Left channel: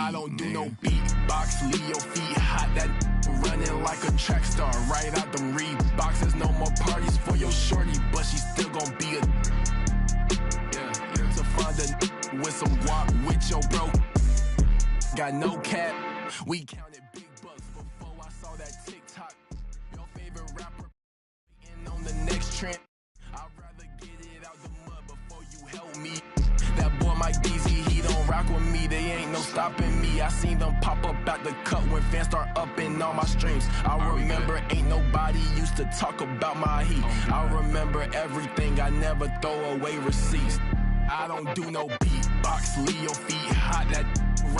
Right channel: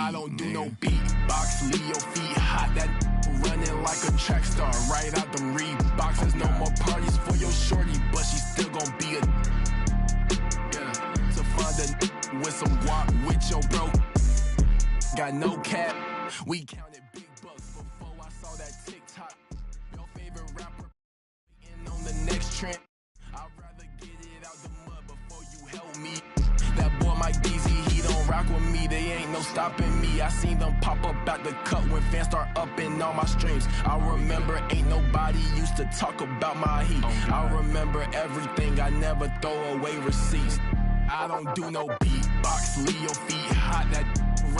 I don't do no beatbox, leave your feet hot. That running like a track star, right out them Reeboks. There's no more parties for your shorty, but she still gon' be a to find a with some guap with your bro. Got no cap, we counted big bucks before I saw that TikTok. Your favorite rapper waiting on the next trend. I'd rather get it out the mud before you help me. That boy Mike DZ, he don't rock with me. They ain't no stopping me. I seen them pop up out the cut when fans start upping all my streams. I remember ain't nobody used to talk about my heat. I remember everything, I never throw away receipts. I don't do no beatbox, leave your feet hot. That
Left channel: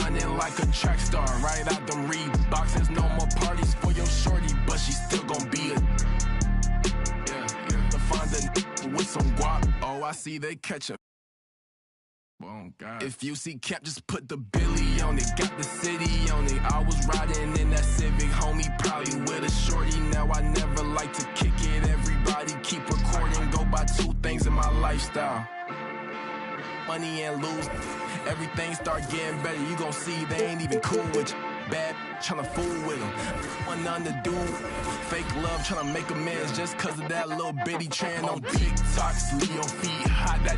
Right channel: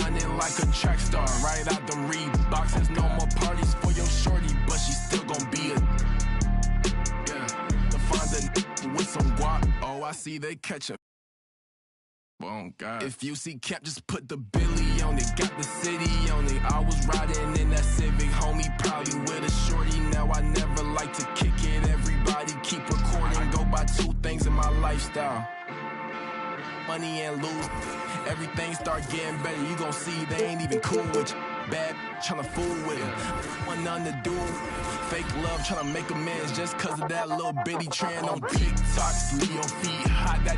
running like a track star, right out them Reeboks. There's no more parties for your shorty, but she still gon' be a to find a with some guap. Oh, I see they catch a. Oh God. If you see Cap, just put the Billy on it. Got the city on it. I was riding in that Civic, homie, probably with a shorty. Now I never like to kick it. Everybody keep recording. Go by two things in my lifestyle: money and lose. Everything start getting better. You gon' see they ain't even cool with you. Bad tryna fool with them. Want nothing to do. Fake love tryna make amends just cause of that little bitty trend on TikTok. Leave your feet hot. That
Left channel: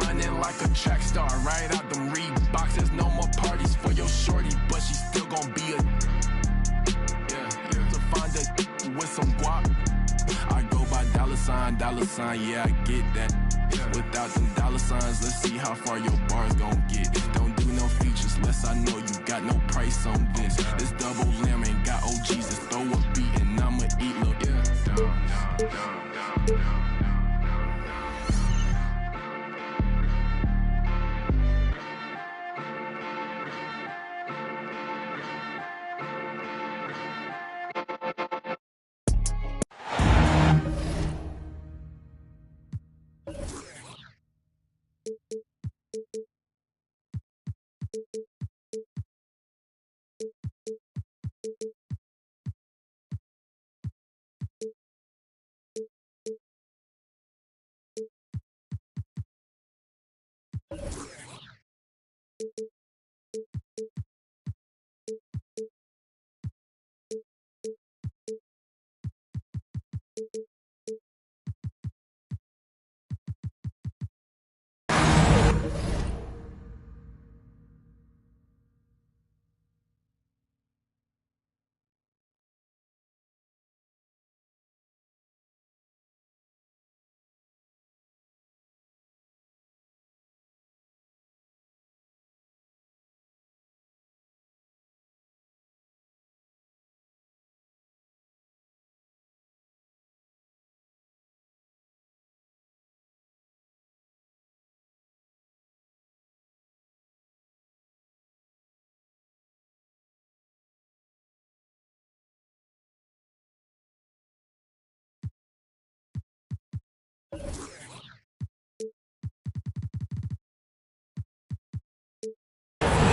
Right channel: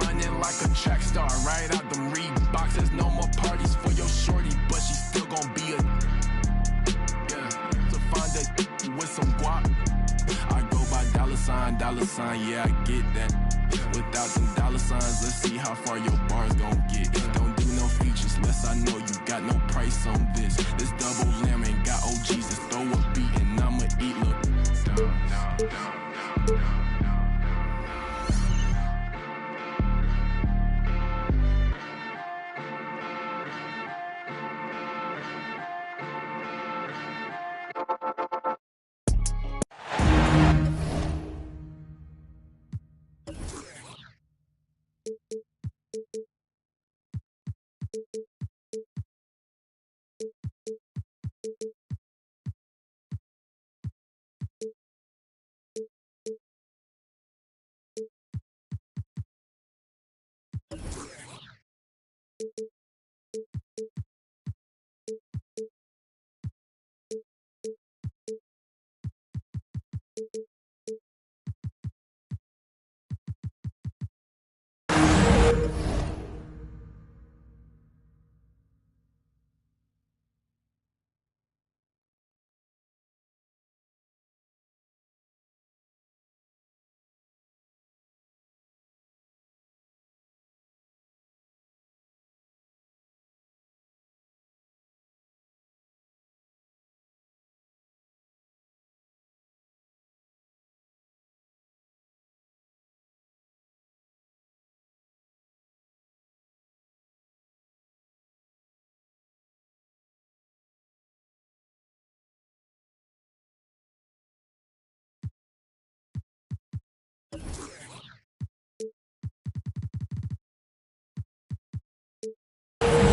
running like a track star, right out them Reeboks. There's no more parties for your shorty, but she still gon' be a to find a with some guap. I go by dollar sign, yeah, I get that. Without them dollar signs, let's see how far your bars gon' get. Don't do no features unless I know you got no price on this. This double lamb ain't got OGs, just throw a beat and I'ma eat little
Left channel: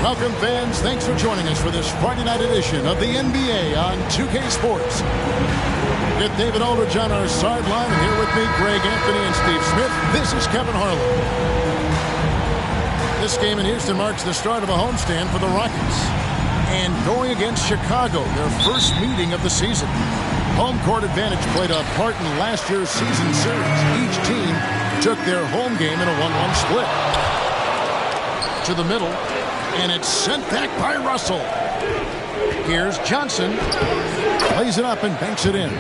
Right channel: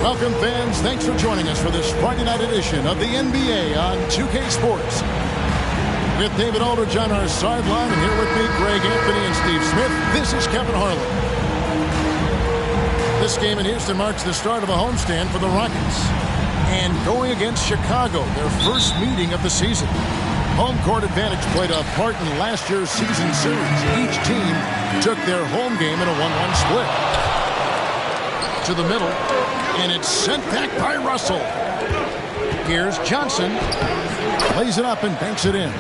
Welcome, fans. Thanks for joining us for this Friday night edition of the NBA on 2K Sports. With David Aldridge on our sideline, and here with me, Greg Anthony and Steve Smith, this is Kevin Harlan. This game in Houston marks the start of a homestand for the Rockets. And going against Chicago, their first meeting of the season. Home court advantage played a part in last year's season series. Each team took their home game in a 1-1 split. To the middle, and it's sent back by Russell. Here's Johnson. Plays it up and banks it in.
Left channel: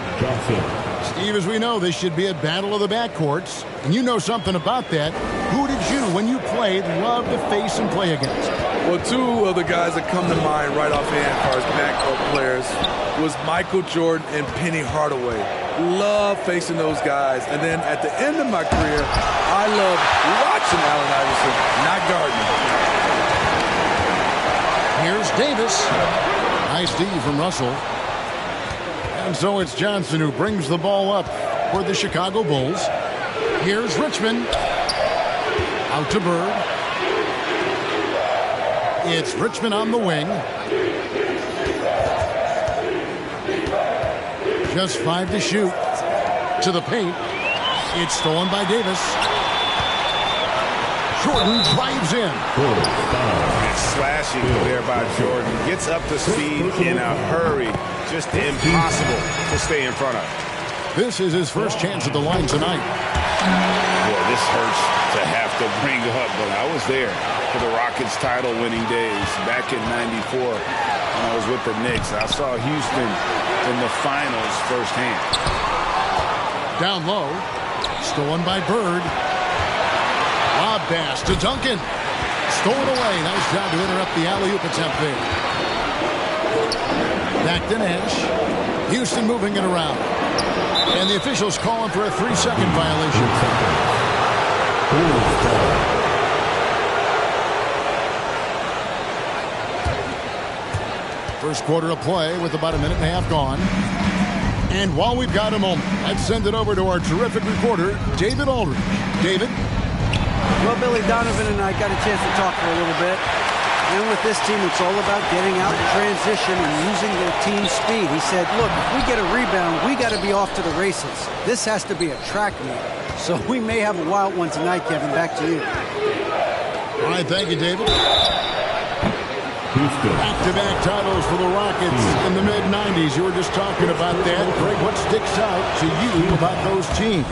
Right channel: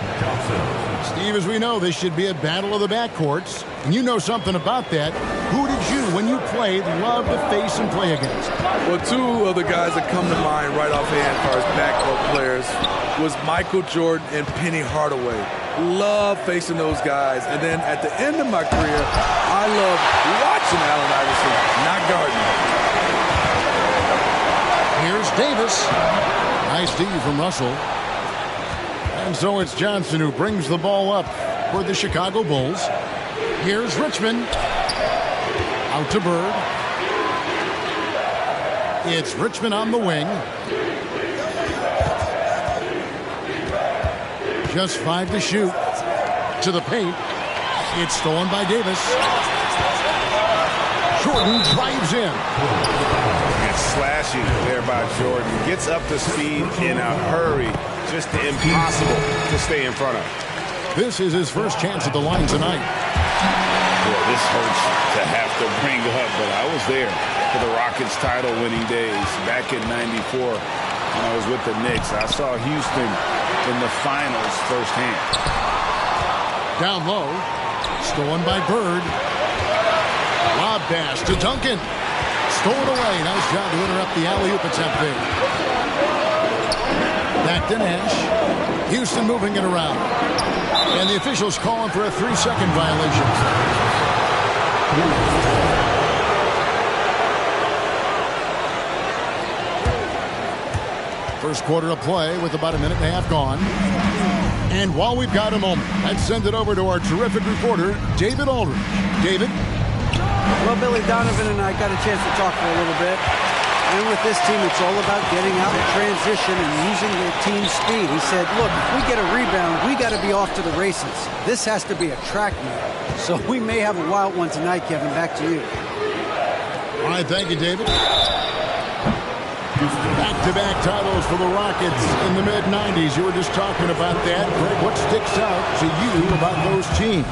Steve, as we know, this should be a battle of the backcourts. And you know something about that. Who did you, when you played, love to face and play against? Well, two of the guys that come to mind right offhand as far as backcourt players was Michael Jordan and Penny Hardaway. Love facing those guys. And then at the end of my career, I love watching Allen Iverson, not guarding. Here's Davis. Nice D from Russell. And so it's Johnson who brings the ball up for the Chicago Bulls. Here's Richmond. Out to Bird. It's Richmond on the wing. Just 5 to shoot. To the paint. It's stolen by Davis. Jordan drives in. And slashing there by Jordan. Gets up to speed in a hurry. Just impossible to stay in front of. This is his first chance at the line tonight. Boy, this hurts to have to bring up, but I was there for the Rockets title-winning days back in '94 when I was with the Knicks. I saw Houston in the finals firsthand. Down low. Stolen by Bird. Lob pass to Duncan. Stolen away. Nice job to interrupt the alley-oop attempt there. Back to Nash. Houston moving it around. And the officials calling for a 3-second violation. First quarter of play with about a minute and a half gone. And while we've got a moment, let's send it over to our terrific reporter, David Aldridge. David? Well, Billy Donovan and I got a chance to talk for a little bit. And with this team, it's all about getting out in transition and using their team speed. He said, look, if we get a rebound, we got to be off to the races. This has to be a track meet. So we may have a wild one tonight, Kevin. Back to you. All right, thank you, David. Back-to-back titles for the Rockets in the mid-'90s. You were just talking about that. Greg, what sticks out to you about those teams?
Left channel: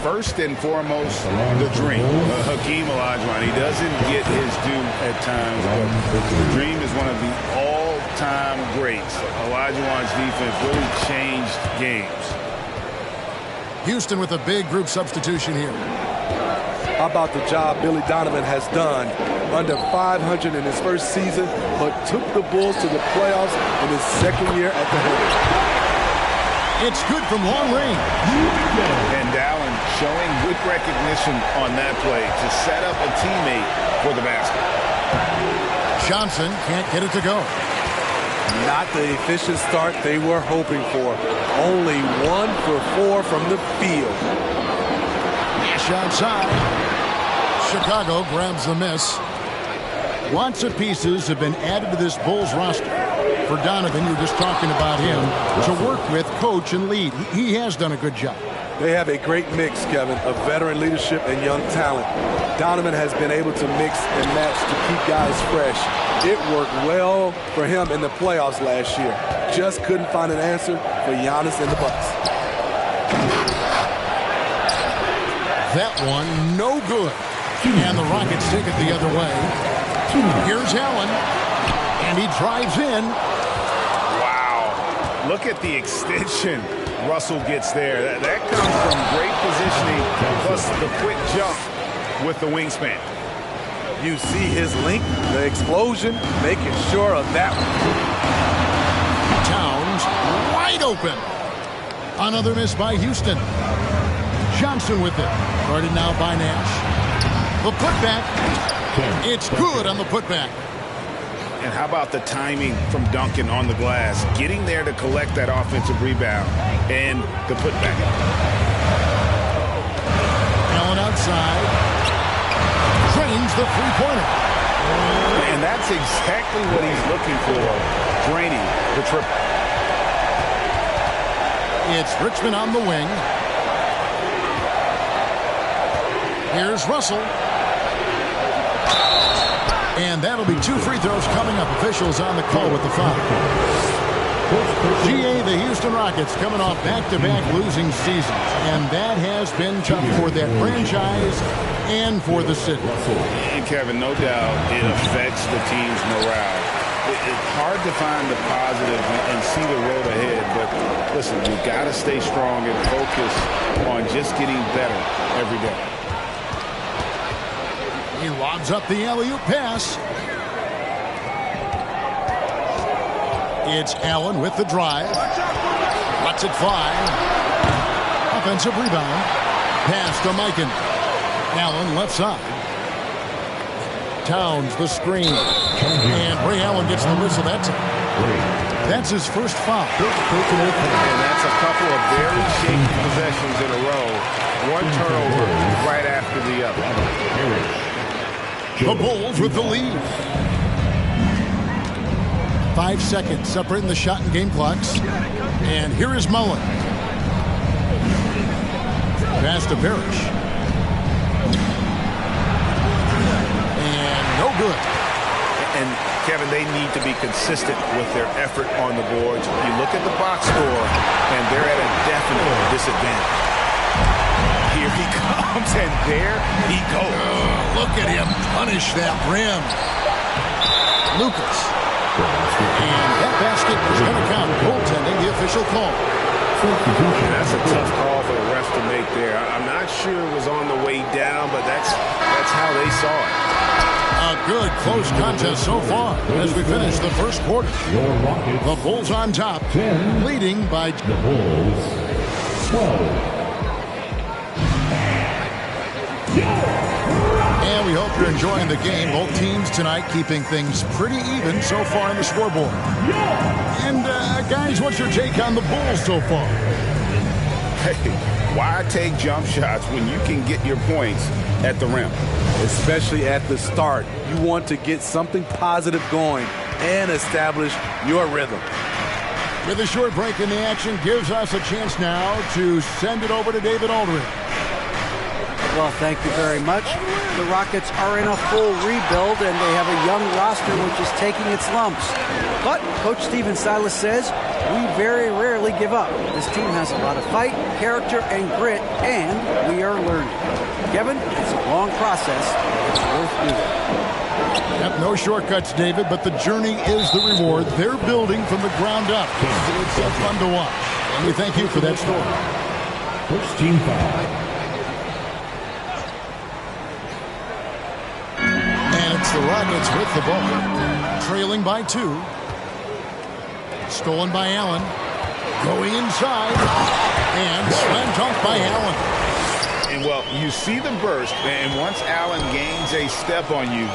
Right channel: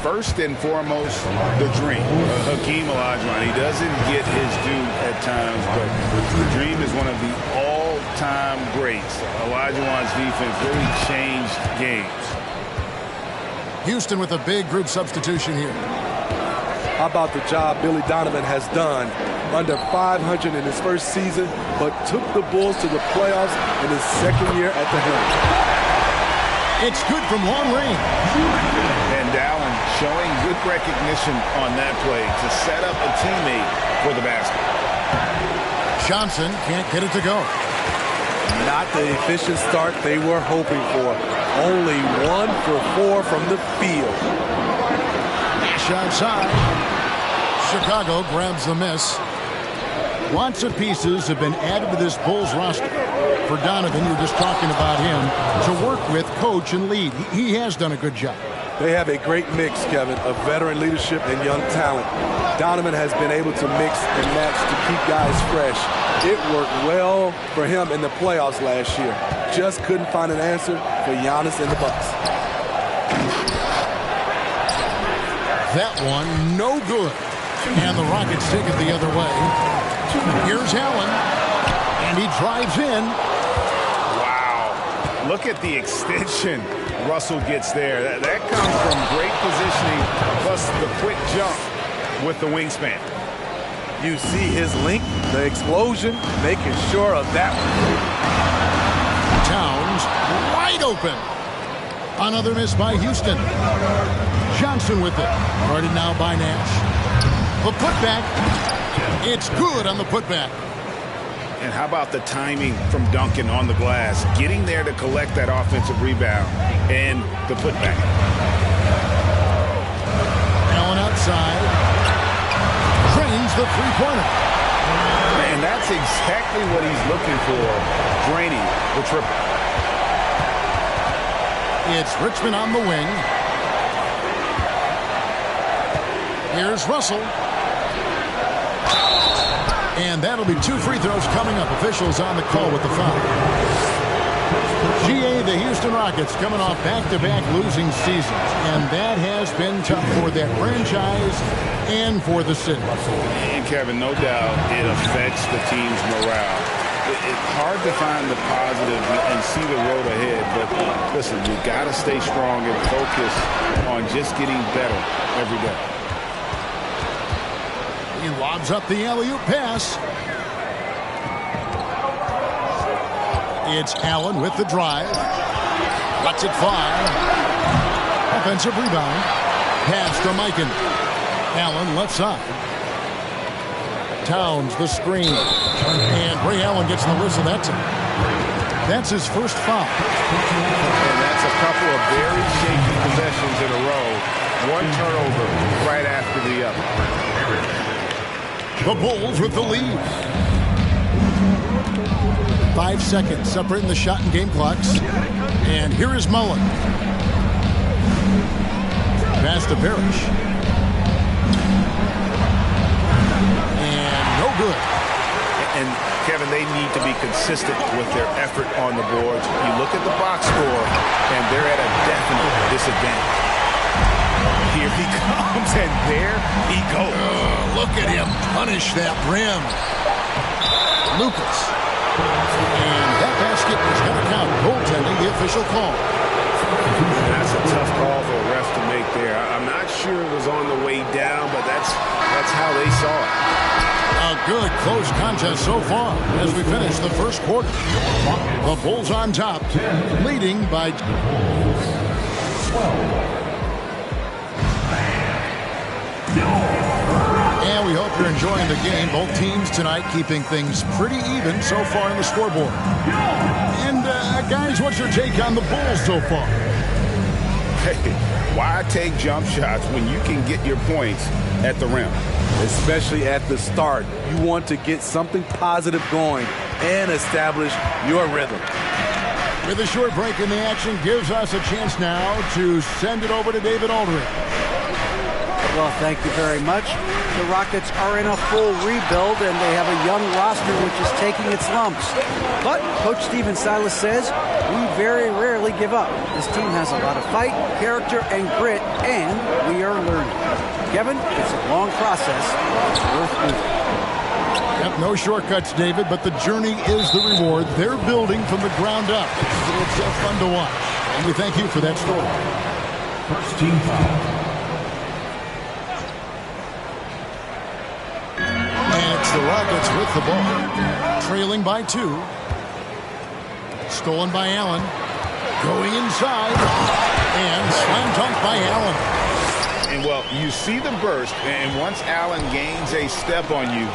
First and foremost, the dream. Hakeem Olajuwon, he doesn't get his due at times, but the dream is one of the all-time greats. Olajuwon's defense really changed games. Houston with a big group substitution here. How about the job Billy Donovan has done? Under 500 in his first season, but took the Bulls to the playoffs in his second year at the helm. It's good from long range. And Allen showing good recognition on that play to set up a teammate for the basket. Johnson can't get it to go. Not the efficient start they were hoping for. Only 1 for 4 from the field. Nash outside. Chicago grabs the miss. Lots of pieces have been added to this Bulls roster. For Donovan, you were just talking about him, to work with, coach, and lead. He has done a good job. They have a great mix, Kevin, of veteran leadership and young talent. Donovan has been able to mix and match to keep guys fresh. It worked well for him in the playoffs last year. Just couldn't find an answer for Giannis and the Bucks. That one, no good. And the Rockets take it the other way. Here's Allen, and he drives in. Wow. Look at the extension Russell gets there. That comes from great positioning, plus the quick jump with the wingspan. You see his length, the explosion, making sure of that one. Towns wide open. Another miss by Houston. Johnson with it. Guarded now by Nash. The putback. It's good on the putback. And how about the timing from Duncan on the glass? Getting there to collect that offensive rebound and the putback. Allen outside. Drains the three-pointer. And that's exactly what he's looking for, draining the triple. It's Richmond on the wing. Here's Russell. And that'll be 2 free throws coming up. Officials on the call with the foul. GA, the Houston Rockets, coming off back-to-back losing seasons. And that has been tough for that franchise and for the city. And, Kevin, no doubt it affects the team's morale. It's hard to find the positives and see the road ahead. But, listen, you got to stay strong and focus on just getting better every day. He lobs up the alley-oop pass. It's Allen with the drive. Lets it fly. Offensive rebound. Pass to Mikan. Allen left side. Towns the screen. And Ray Allen gets the whistle that time. That's his first foul. And that's a couple of very shaky possessions in a row. One turnover right after the other. The Bulls with the lead. 5 seconds separating the shot and game clocks. And here is Mullen. Pass to Parrish. good. And, Kevin, they need to be consistent with their effort on the boards. You look at the box score, and they're at a definite disadvantage. Here he comes, and there he goes. Look at him punish that rim. Lucas. And that basket is going to count. Goaltending, the official call. That's a tough call for the refs to make there. I'm not sure it was on the way down, but that's how they saw it. A good close contest so far as we finish the first quarter. The Bulls on top, leading by the Bulls 12. And we hope you're enjoying the game. Both teams tonight keeping things pretty even so far on the scoreboard. And guys, what's your take on the Bulls so far? Hey, why take jump shots when you can get your points at the rim? Especially at the start. You want to get something positive going and establish your rhythm. With a short break in the action, gives us a chance now to send it over to David Aldridge. Well, thank you very much. The Rockets are in a full rebuild, and they have a young roster which is taking its lumps. But Coach Stephen Silas says, we very rarely give up. This team has a lot of fight, character, and grit, and we are learning. Kevin, it's a long process, but it's worth doing. Yep, no shortcuts, David, but the journey is the reward. They're building from the ground up. It's fun to watch, and we thank you for that story. First team foul. And it's the Rockets with the ball. Trailing by 2. Stolen by Allen. Going inside. And slam dunk by Allen. And, well, you see the burst, and once Allen gains a step on you,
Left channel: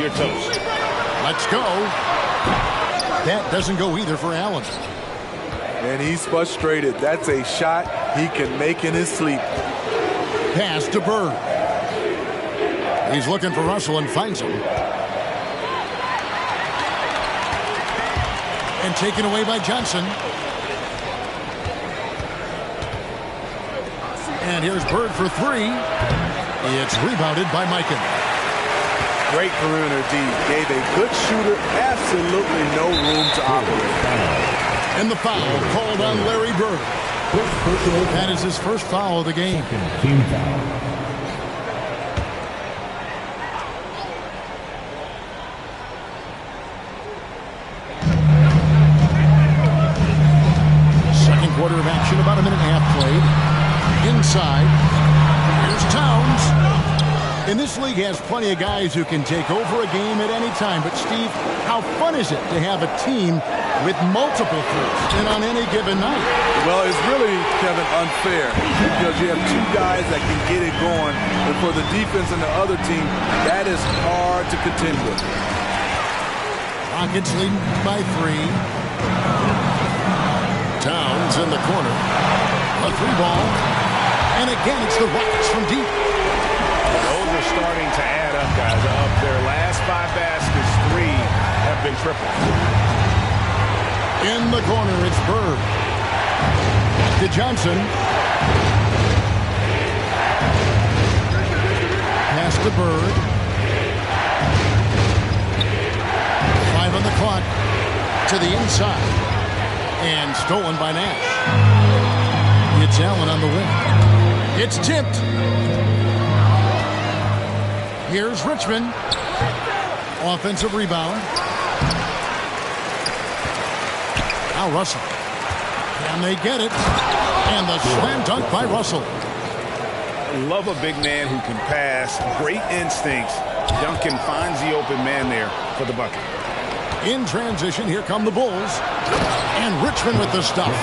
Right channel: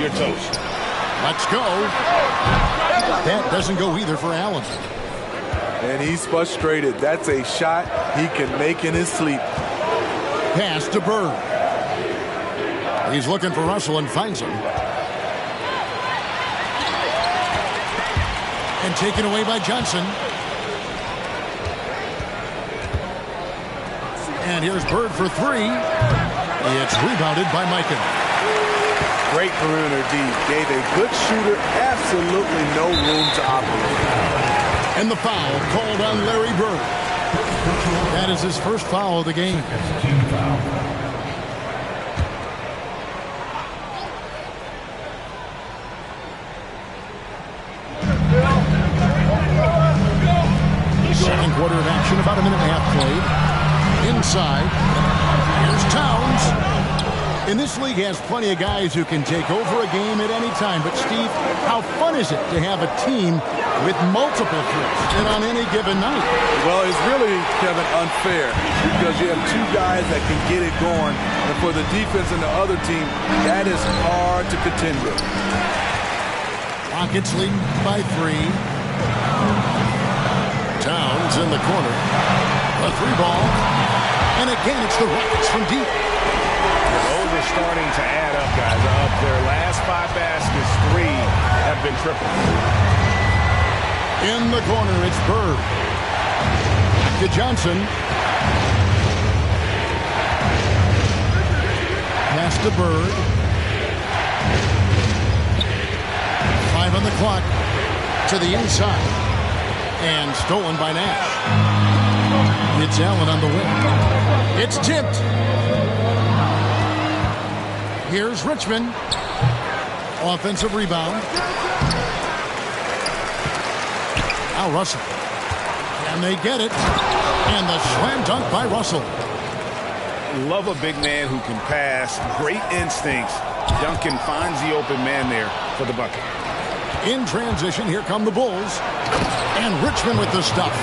you're toast. Let's go. That doesn't go either for Allen. And he's frustrated. That's a shot he can make in his sleep. Pass to Bird. He's looking for Russell and finds him. And taken away by Johnson. And here's Bird for 3. It's rebounded by Mikan. Great perimeter D. Gave a good shooter absolutely no room to operate. And the foul called on Larry Bird. That is his first foul of the game. Team foul. Second quarter of action, about a minute and a half played. Inside, here's Towns. And this league has plenty of guys who can take over a game at any time. But, Steve, how fun is it to have a team with multiple threats and on any given night? Well, it's really, Kevin, unfair because you have 2 guys that can get it going. And for the defense and the other team, that is hard to contend with. Rockets leading by 3. Towns in the corner. A 3-ball. And again, it's the Rockets from deep. Those are starting to add up, guys. Up their last 5 baskets, 3 have been tripled. In the corner, it's Bird. Back to Johnson. Pass to Bird. 5 on the clock. To the inside. And stolen by Nash. It's Allen on the wing. It's tipped. Here's Richmond. Offensive rebound. Now Russell. Can they get it? And the slam dunk by Russell. Love a big man who can pass. Great instincts. Duncan finds the open man there for the bucket. In transition, here come the Bulls. And Richmond with the stuff.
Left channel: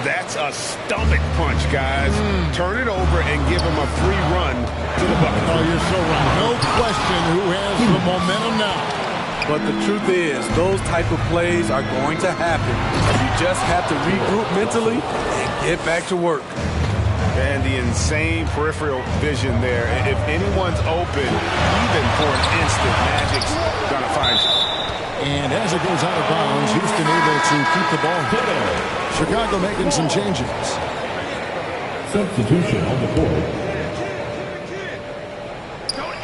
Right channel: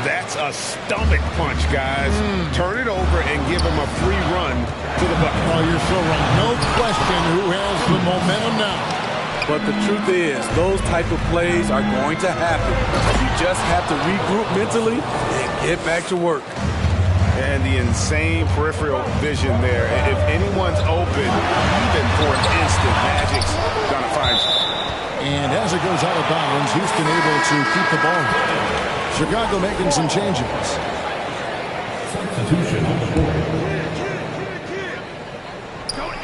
That's a stomach punch, guys. Turn it over and give him a free run to the bucket. Oh, you're so right. No question who has the momentum now. But the truth is, those type of plays are going to happen. You just have to regroup mentally and get back to work. And the insane peripheral vision there. If anyone's open, even for an instant, Magic's going to find you. And as it goes out of bounds, Houston able to keep the ball. Chicago making some changes. Substitution on the board.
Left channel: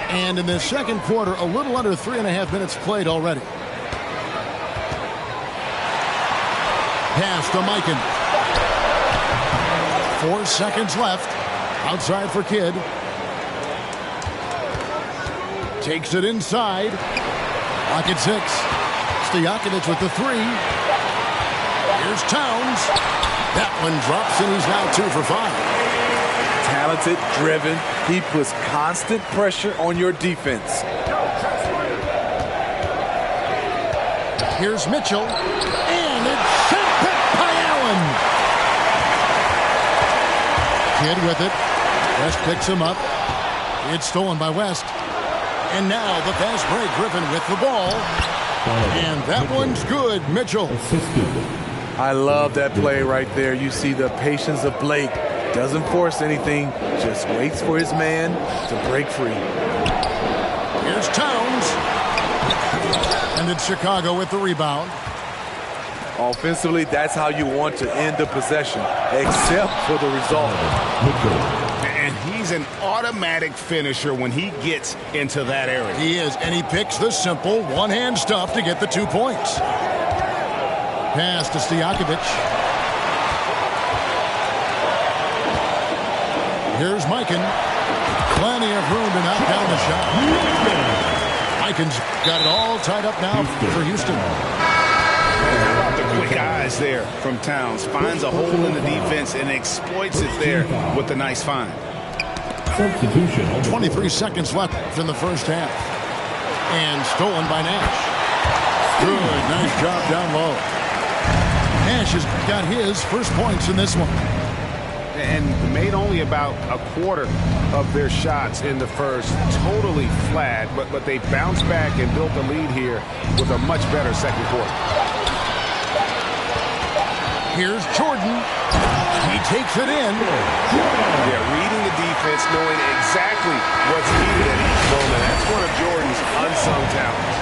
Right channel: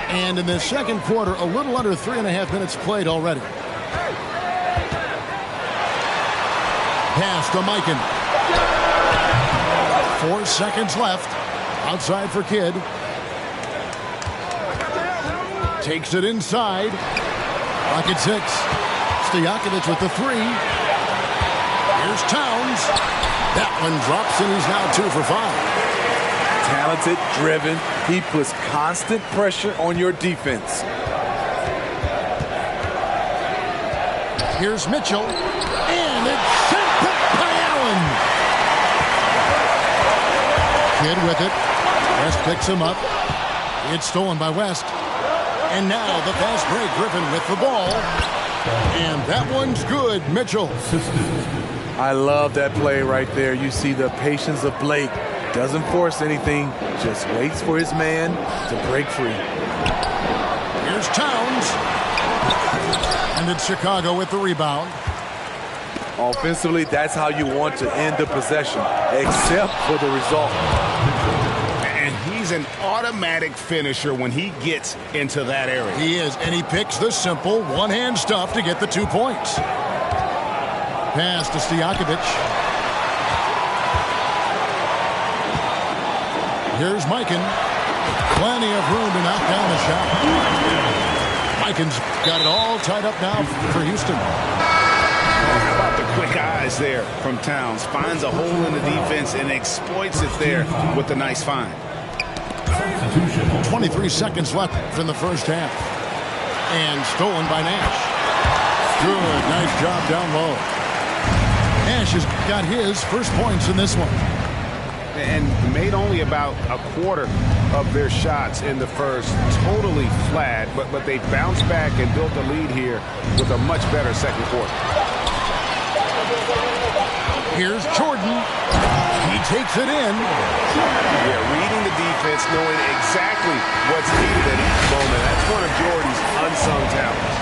And in the second quarter, a little under 3.5 minutes played already. Pass to Mikan. 4 seconds left. Outside for Kidd. Takes it inside. Rocket 6. Stojakovic with the 3. Here's Towns. That one drops, and he's now 2 for 5. Talented, driven. He puts constant pressure on your defense. Here's Mitchell. And it's sent back by Allen. Kidd with it. West picks him up. It's stolen by West. And now the fast break. Griffin with the ball. And that one's good. Mitchell. I love that play right there. You see the patience of Blake. Doesn't force anything. Just waits for his man to break free. Here's Towns. And it's Chicago with the rebound. Offensively, that's how you want to end the possession, except for the result. And he's an automatic finisher when he gets into that area. He is, and he picks the simple one-hand stuff to get the 2 points. Pass to Stojakovic. Here's Mikan. Plenty of room to knock down the shot. Mikan's got it all tied up now for Houston. How about the quick eyes there from Towns? Finds a hole in the defense and exploits it there with a nice find. 23 seconds left in the first half. And stolen by Nash. Good, nice job down low. Nash has got his first points in this one. And made only about a quarter of their shots in the first. Totally flat, but they bounced back and built a lead here with a much better second quarter. Here's Jordan. He takes it in. Yeah, reading the defense, knowing exactly what's needed at each moment. That's one of Jordan's unsung talents.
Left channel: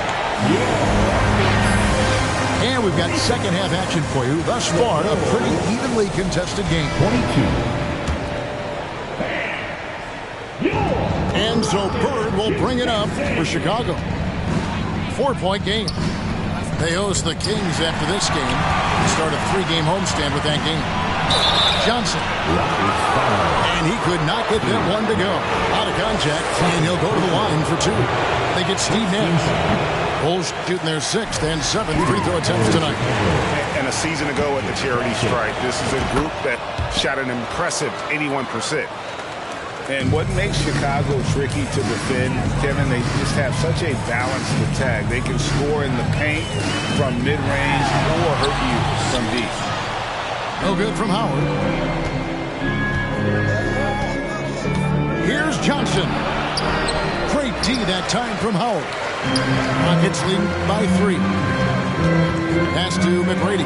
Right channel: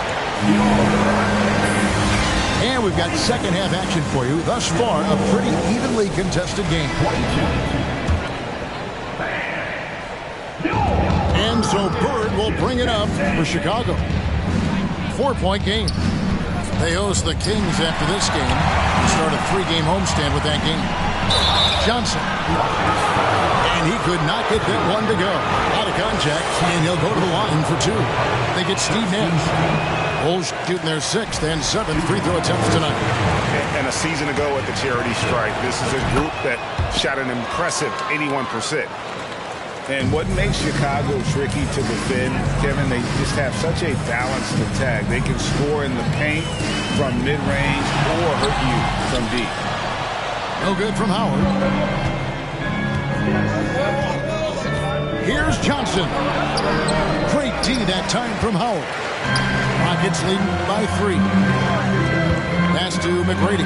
And we've got second half action for you. Thus far, a pretty evenly contested game. 22. And so Bird will bring it up for Chicago. 4-point game. They host the Kings after this game. Start a 3-game homestand with that game. Johnson. And he could not get that one to go. Out of contact, and he'll go to the line for 2. They get Steve Nash. Bulls shooting their 6th and 7th free throw attempts tonight. And a season ago at the charity stripe, this is a group that shot an impressive 81%. And what makes Chicago tricky to defend, Kevin, they just have such a balanced attack. They can score in the paint from mid-range or hurt you from deep. No good from Howard. Here's Johnson. Great D that time from Howard. Rockets leading by 3. Pass to McGrady.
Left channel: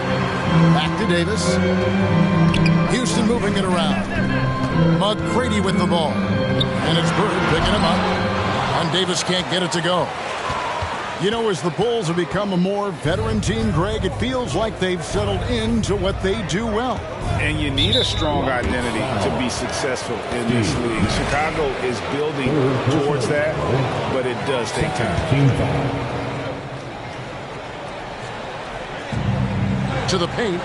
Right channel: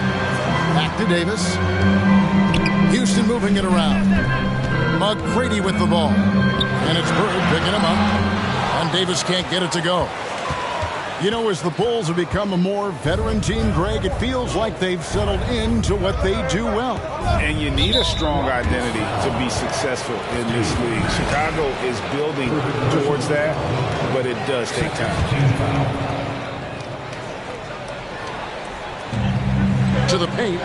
Back to Davis. Houston moving it around. McGrady with the ball. And it's Bird picking him up. And Davis can't get it to go. You know, as the Bulls have become a more veteran team, Greg, it feels like they've settled into what they do well. And you need a strong identity to be successful in this league. Chicago is building towards that, but it does take time. To the paint.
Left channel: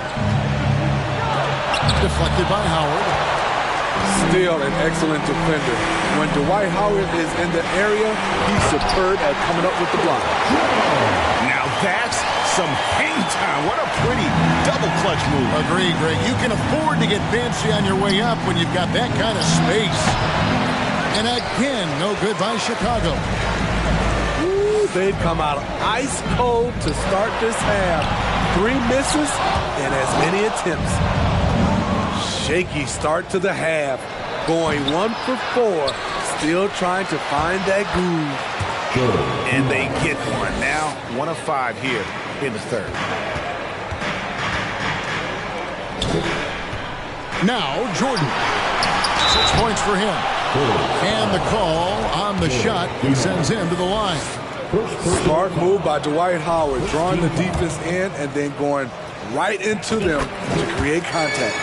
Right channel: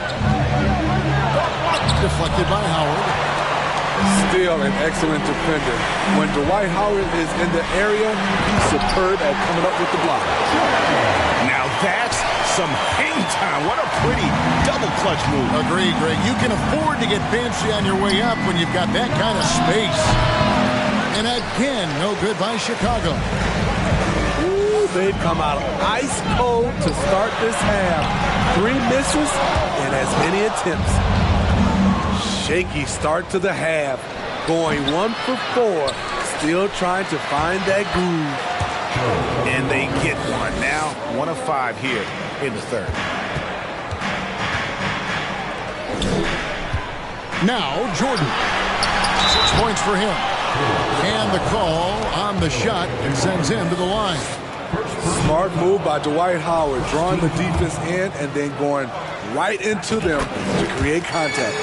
Deflected by Howard. Still an excellent defender. When Dwight Howard is in the area, he's superb at coming up with the block. Now that's some hang time. What a pretty double clutch move. Agreed, Greg. You can afford to get fancy on your way up when you've got that kind of space. And again, no good by Chicago. Ooh, they've come out ice cold to start this half. 3 misses and as many attempts. Shaky start to the half. Going 1 for 4. Still trying to find that groove. And they get one. Now 1 of 5 here in the third. Now Jordan. 6 points for him. And the call on the shot and sends him to the line. Smart move by Dwight Howard, drawing the defense in and then going right into them to create contact.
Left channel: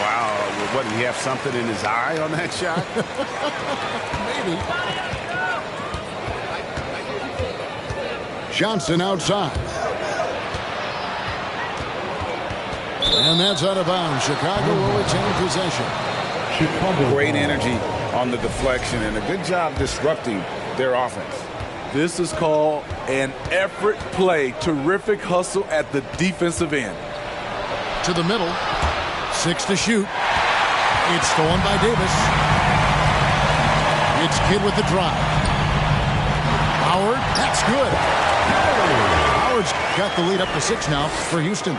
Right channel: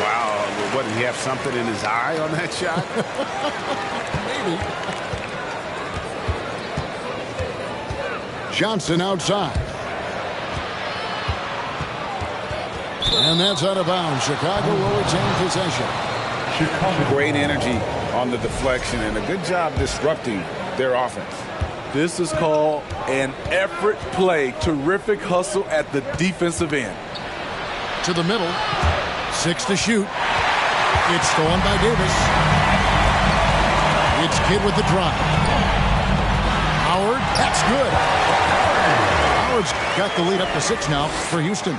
Wow, what, did he have something in his eye on that shot? Maybe. Johnson outside. And that's out of bounds. Chicago will retain possession. Great energy on the deflection and a good job disrupting their offense. This is called an effort play. Terrific hustle at the defensive end. To the middle. 6 to shoot. It's stolen by Davis. It's Kidd with the drive. Howard, that's good. Howard's got the lead up to 6 now for Houston.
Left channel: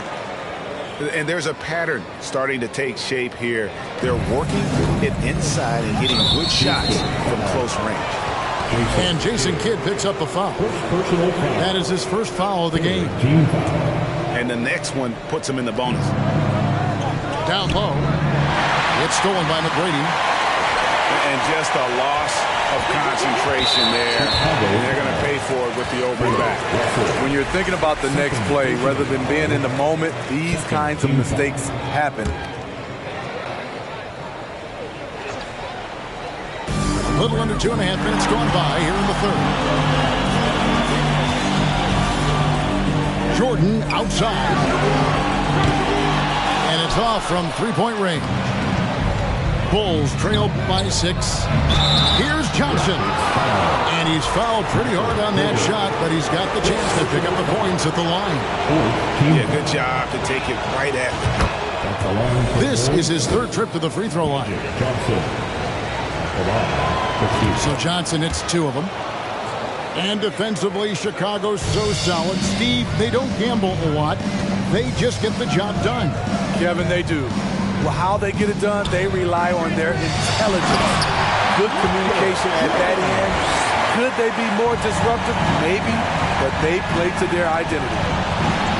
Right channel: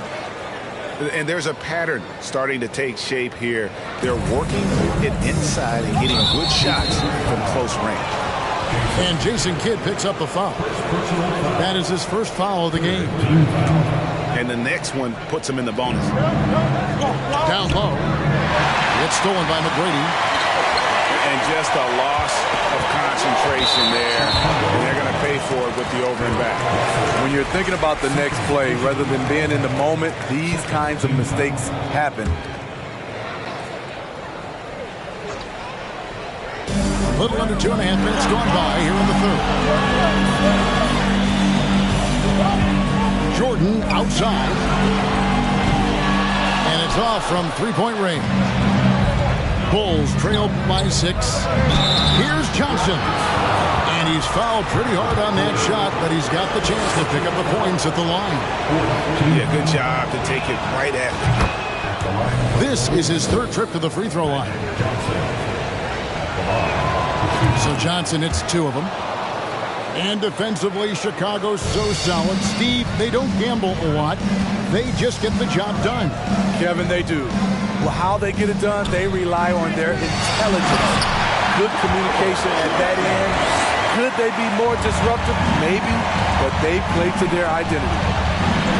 And there's a pattern starting to take shape here. They're working it inside and getting good shots from close range. And Jason Kidd picks up the foul. That is his first foul of the game. And the next one puts him in the bonus. Down low. It's stolen by McGrady. And just a loss of concentration there. And they're going to pay for it with the over and back. When you're thinking about the next play, rather than being in the moment, these kinds of mistakes happen. A little under 2.5 minutes gone by here in the third. Jordan outside. And it's off from three-point range. Bulls trail by 6. Here's Johnson. And he's fouled pretty hard on that shot, but he's got the chance to pick up the points at the line. Yeah, good job to take it right at them. This is his third trip to the free throw line. So Johnson hits 2 of them. And defensively, Chicago's so solid. Steve, they don't gamble a lot. They just get the job done. Kevin, they do. Well, how they get it done, they rely on their intelligence. Good communication at that end. Could they be more disruptive? Maybe, but they play to their identity.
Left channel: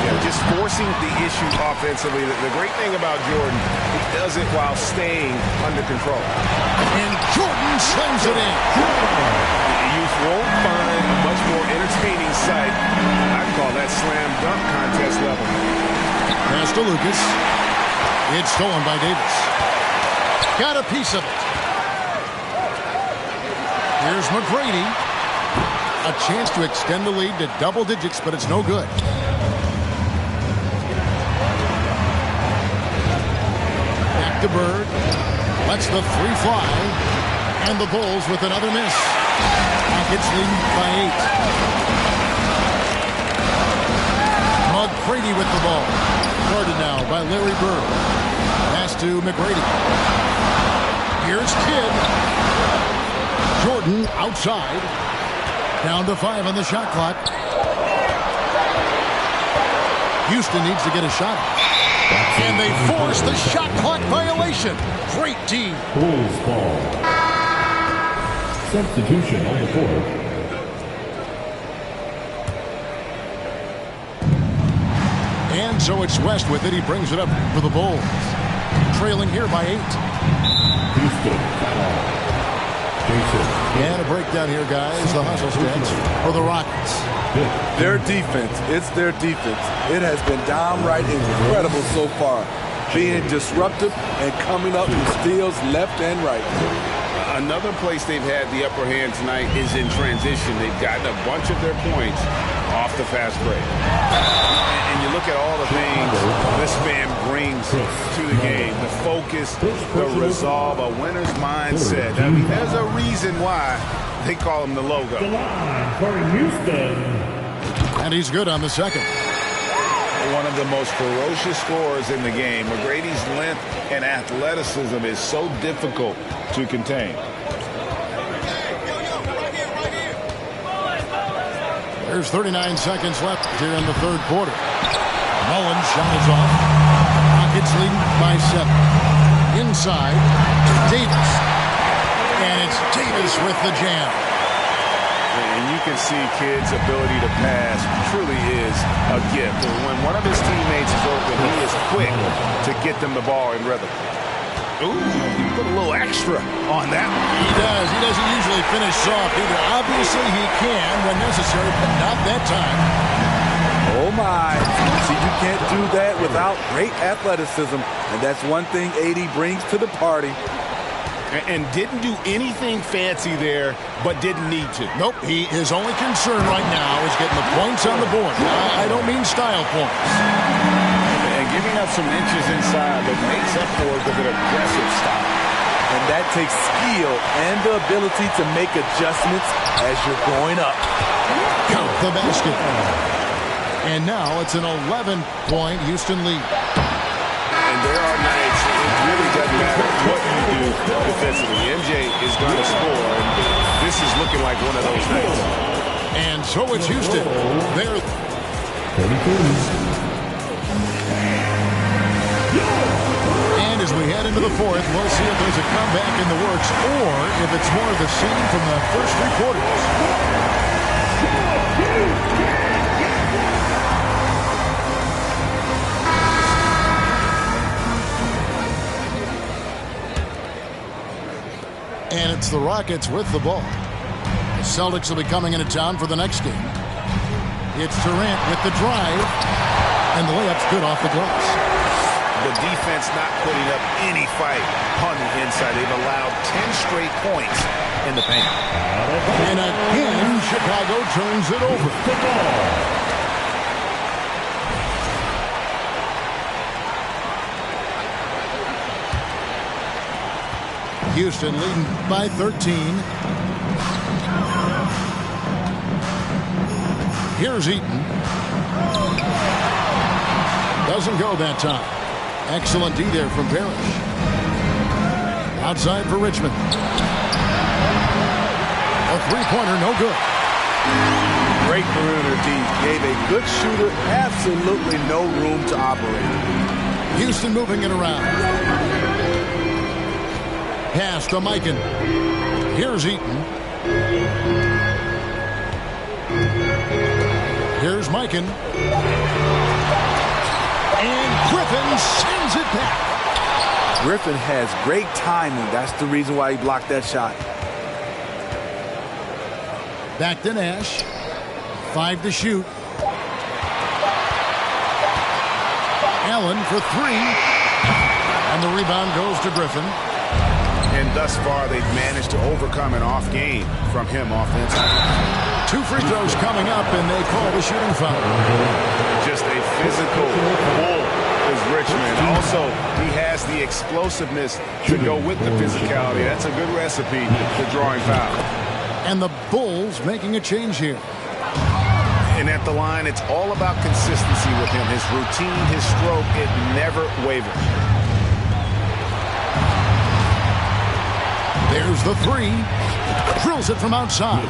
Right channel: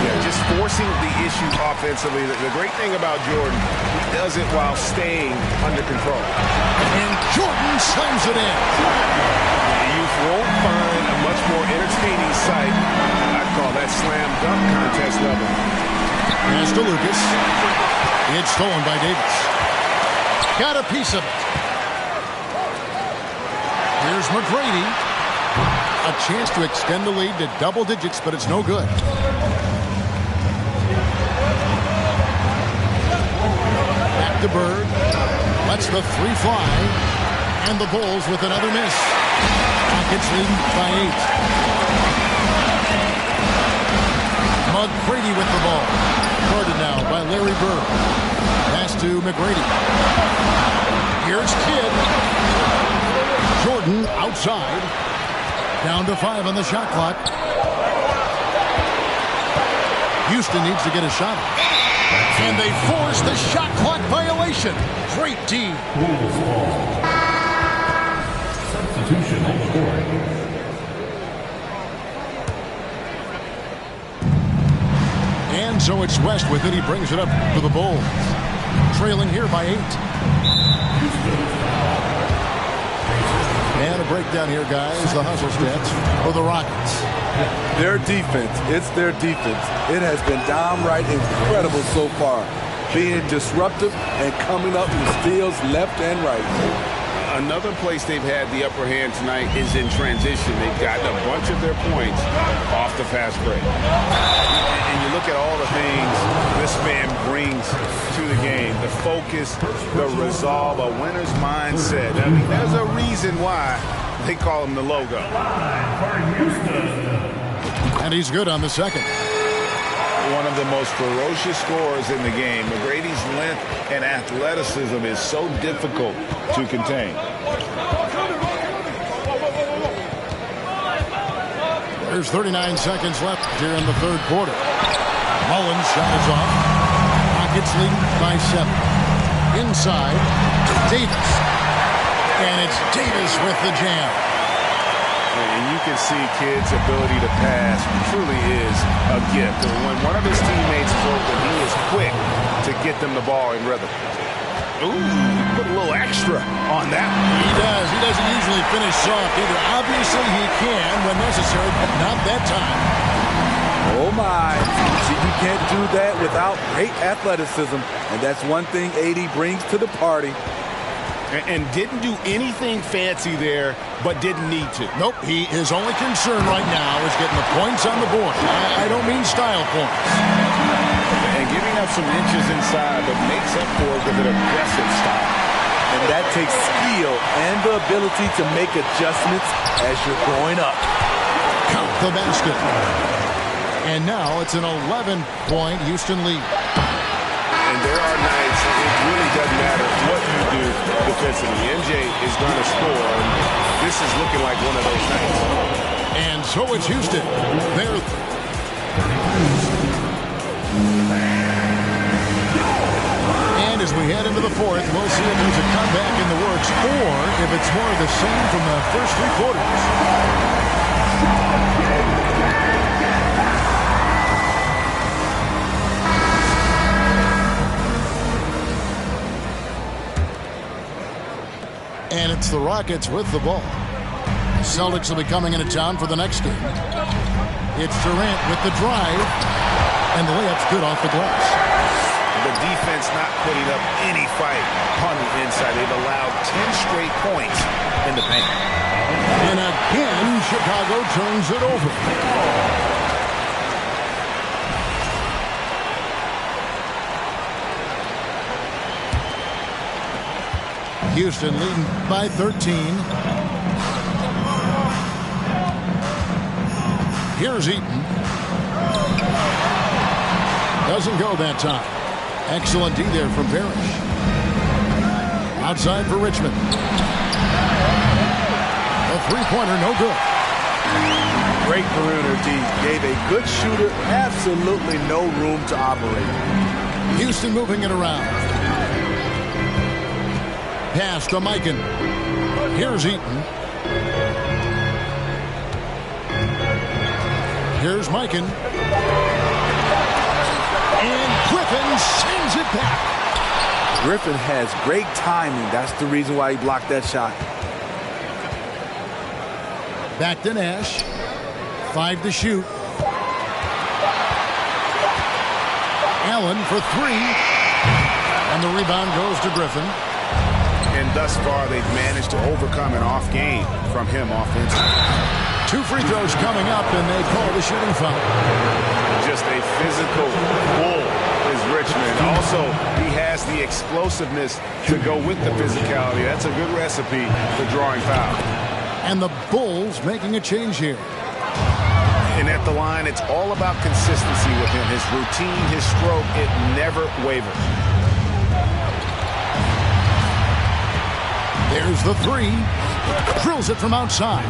Yeah, just forcing the issue offensively. The great thing about Jordan, he does it while staying under control. And Jordan slams it in. You won't find a much more entertaining sight. I'd call that slam dunk contest level. Pass to Lucas. It's stolen by Davis. Got a piece of it. Here's McGrady. A chance to extend the lead to double digits, but it's no good. Back to Bird. Lets the 3 fly. And the Bulls with another miss. Rockets leading by 8. McGrady with the ball. Guarded now by Larry Bird. Pass to McGrady. Here's Kidd. Jordan outside. Down to 5 on the shot clock. Houston needs to get a shot off. And they force the shot clock violation. Great D. Bulls ball. Substitution on the court. And so it's West with it. He brings it up for the Bulls. Trailing here by 8. And a breakdown here, guys. The hustle stats for the Rockets. Their defense, it's their defense. It has been downright incredible so far. Being disruptive and coming up with steals left and right. Another place they've had the upper hand tonight is in transition. They've gotten a bunch of their points off the fast break. And you look at all the things this man brings to the game. The focus, the resolve, a winner's mindset. I mean, there's a reason why they call him the logo. And he's good on the second. One of the most ferocious scorers in the game. McGrady's length and athleticism is so difficult to contain. There's 39 seconds left here in the third quarter. Mullins' shot is off. Rockets leading by 7. Inside, Davis. And it's Davis with the jam. And you can see Kidd's ability to pass truly is a gift. When one of his teammates is open, he is quick to get them the ball in rhythm. Ooh, he put a little extra on that one. He does. He doesn't usually finish soft either. Obviously, he can when necessary, but not that time. Oh, my. See, you can't do that without great athleticism, and that's one thing AD brings to the party. And didn't do anything fancy there, but didn't need to. Nope, his only concern right now is getting the points on the board. I don't mean style points. And giving up some inches inside, but makes up for it with an aggressive style. And that takes skill and the ability to make adjustments as you're going up. Count the basket. And now it's an 11-point Houston lead. And there are nights it really doesn't matter what you do defensively. MJ is going to score, and this is looking like one of those nights. And so it's Houston. They're... And as we head into the fourth, we'll see if there's a comeback in the works or if it's more of the same from the first three quarters. And it's the Rockets with the ball. The Celtics will be coming into town for the next game. It's Durant with the drive, and the layup's good off the glass. The defense not putting up any fight on the inside. They've allowed 10 straight points in the paint. And again, Chicago turns it over. Houston leading by 13. Here's Eaton. Doesn't go that time. Excellent D there from Parrish. Outside for Richmond. A three-pointer, no good. Great perimeter D. Gave a good shooter absolutely no room to operate. Houston moving it around. Pass to Mikan. Here's Eaton. Here's Mikan. And Griffin sends it back. Griffin has great timing. That's the reason why he blocked that shot. Back to Nash. 5 to shoot. Allen for 3. And the rebound goes to Griffin. And thus far, they've managed to overcome an off game from him offensively. 2 free throws coming up, and they call the shooting foul. Just a physical bull is Richmond. Also, he has the explosiveness to go with the physicality. That's a good recipe for drawing foul. And the Bulls making a change here. And at the line, it's all about consistency with him. His routine, his stroke, it never wavers. There's the 3. Drills it from outside.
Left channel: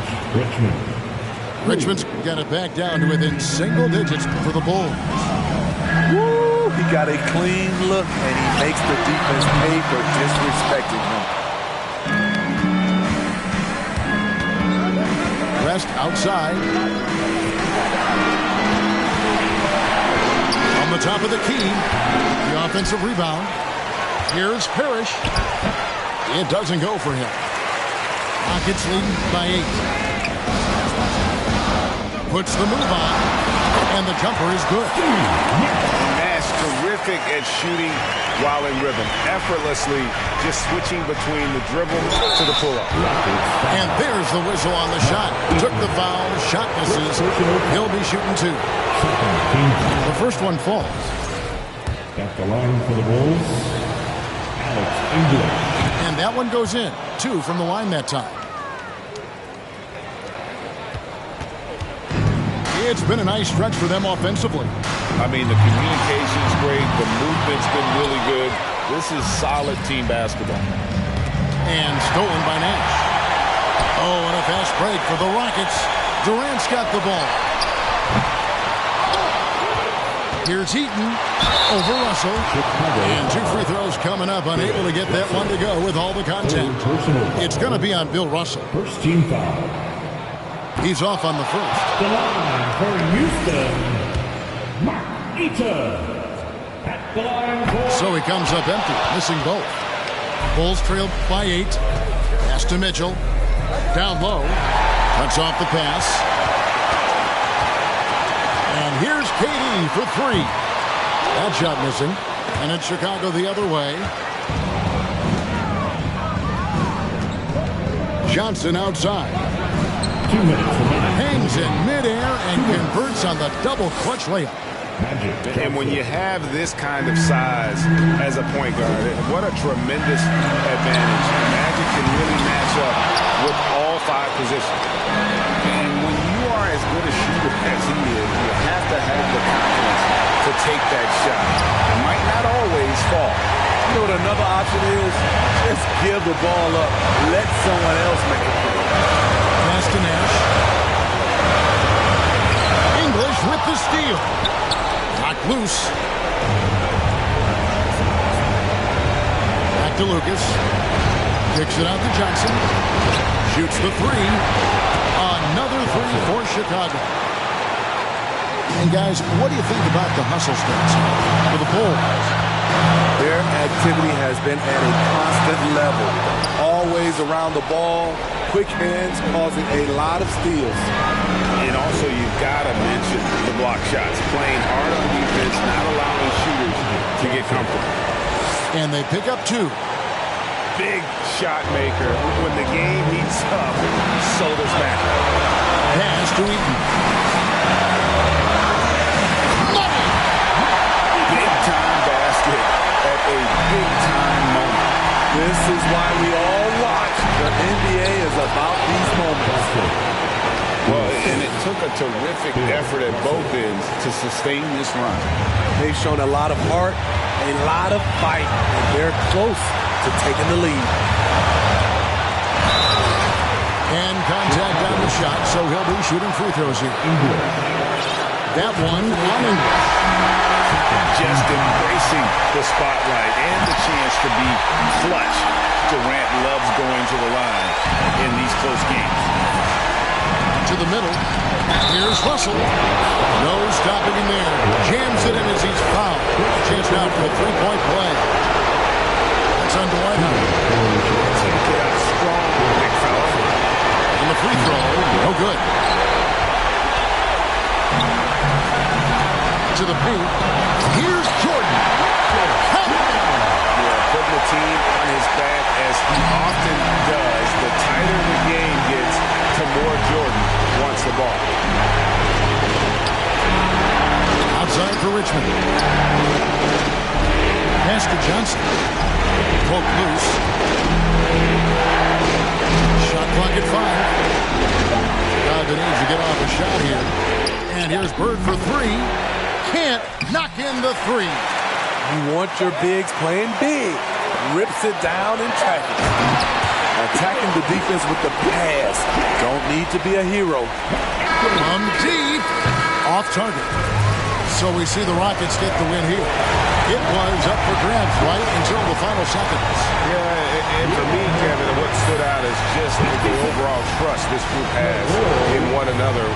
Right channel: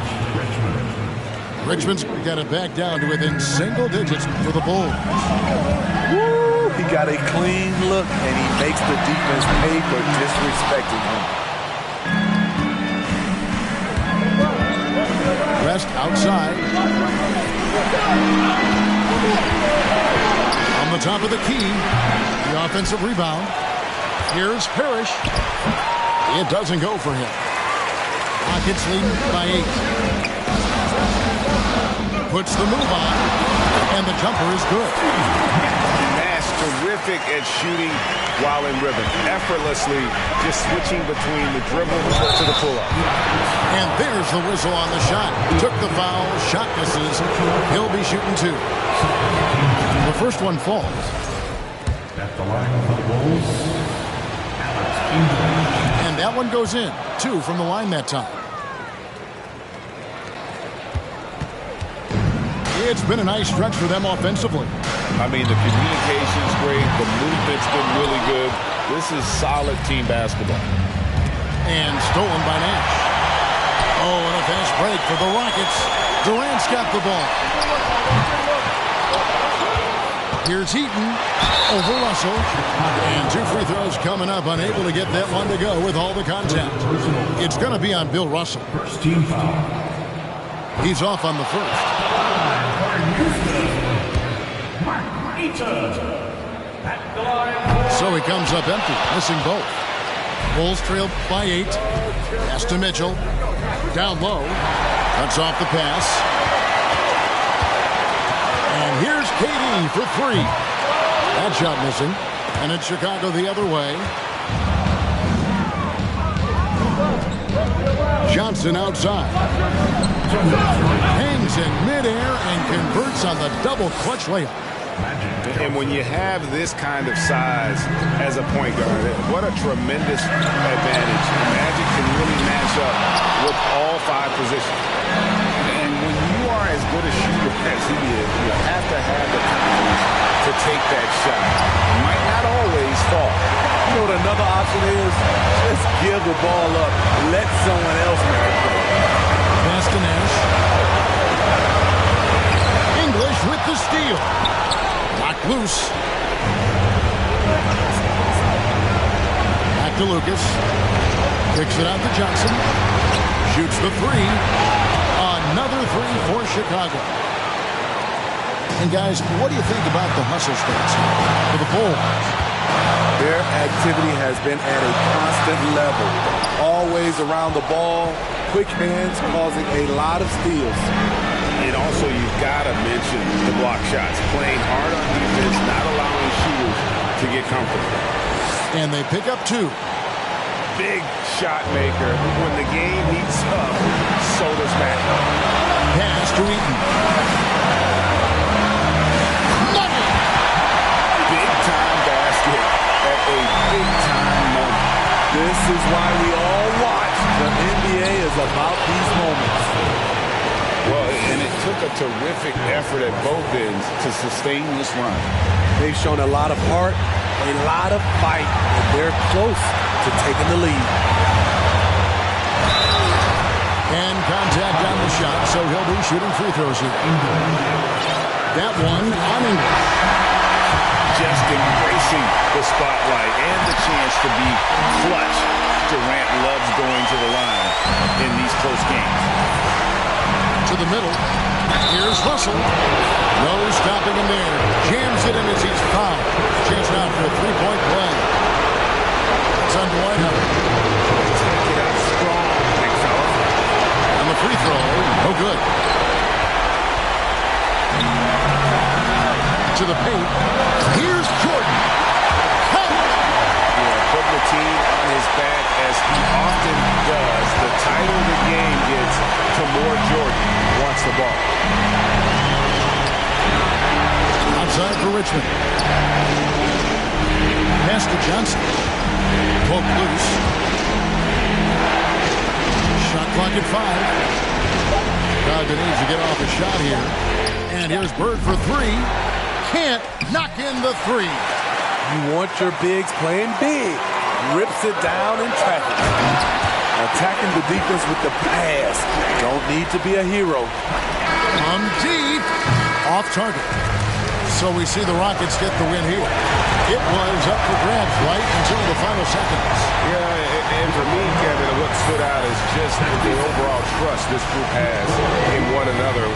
Richmond's got it back down to within single digits for the Bulls. Woo! He got a clean look, and he makes the defense pay for disrespecting him. Rest outside. On the top of the key, the offensive rebound. Here's Parrish. It doesn't go for him. Rockets leading by 8. Puts the move on, and the jumper is good. Nash terrific at shooting while in rhythm. Effortlessly just switching between the dribble to the pull-up. And there's the whistle on the shot. Took the foul, shot misses. He'll be shooting 2. The first one falls. At the line for the Bulls, Alex English. And that one goes in. 2 from the line that time. It's been a nice stretch for them offensively. I mean, the communication's great. The movement's been really good. This is solid team basketball. And stolen by Nash. Oh, and a fast break for the Rockets. Durant's got the ball. Here's Eaton over Russell. And 2 free throws coming up. Unable to get that one to go with all the contact. It's going to be on Bill Russell. First team foul. He's off on the first. The line for Houston, Mark Eaton. At the line. So he comes up empty, missing both. Bulls trail by 8. Pass to Mitchell. Down low. Cuts off the pass. And here's KD for 3. That shot missing. And it's Chicago the other way. Johnson outside. Hangs in midair and converts on the double clutch layup. And when you have this kind of size as a point guard, what a tremendous advantage. Magic can really match up with all 5 positions. And when you are as good a shooter as he is, you have to have the confidence to take that shot. It might not always fall. You know what another option is? Just give the ball up. Let someone else make a play. Pass to Nash. English with the steal. Knocked loose. Back to Lucas. Kicks it out to Johnson. Shoots the 3. Another 3 for Chicago. And guys, what do you think about the hustle stats here for the Bulls? Their activity has been at a constant level. Always around the ball. Quick hands causing a lot of steals. And also, you've got to mention the block shots. Playing hard on defense, not allowing shooters to get comfortable. And they pick up 2. Big shot maker. When the game heats up, so does Magic. Pass to Eaton. Money! Big-time basket at a big-time moment. This is why we all watch. The NBA is about these moments. Well, and it took a terrific effort at both ends to sustain this run. They've shown a lot of heart, a lot of fight, and they're close to taking the lead. And contact on the shot, so he'll be shooting free throws here. That one on English. Just embracing the spotlight and the chance to be clutch. Durant loves going to the line in these close games. To the middle. Here's Russell. No stopping him there. Jams it in as he's fouled. Chance now for a 3-point play. That's on Dwight Howard. Take it up strong, big fella. On the free throw, no good. To the paint. Here's Jordan. Count. Yeah, putting the team on his back as he often does. The tighter the game gets, to more Jordan wants the ball. Outside for Richmond. Pass to Johnson. Poked loose. Shot clock at 5. Chicago needs to get off a shot here. And here's Bird for 3. Can't knock in the 3. You want your bigs playing big. Rips it down in traffic. Attacking the defense with the pass. Don't need to be a hero. From deep. Off target. So we see the Rockets get the win here. It was up for grabs right until the final seconds. Yeah, and for me, Kevin, what stood out is just the overall trust this group has in one another.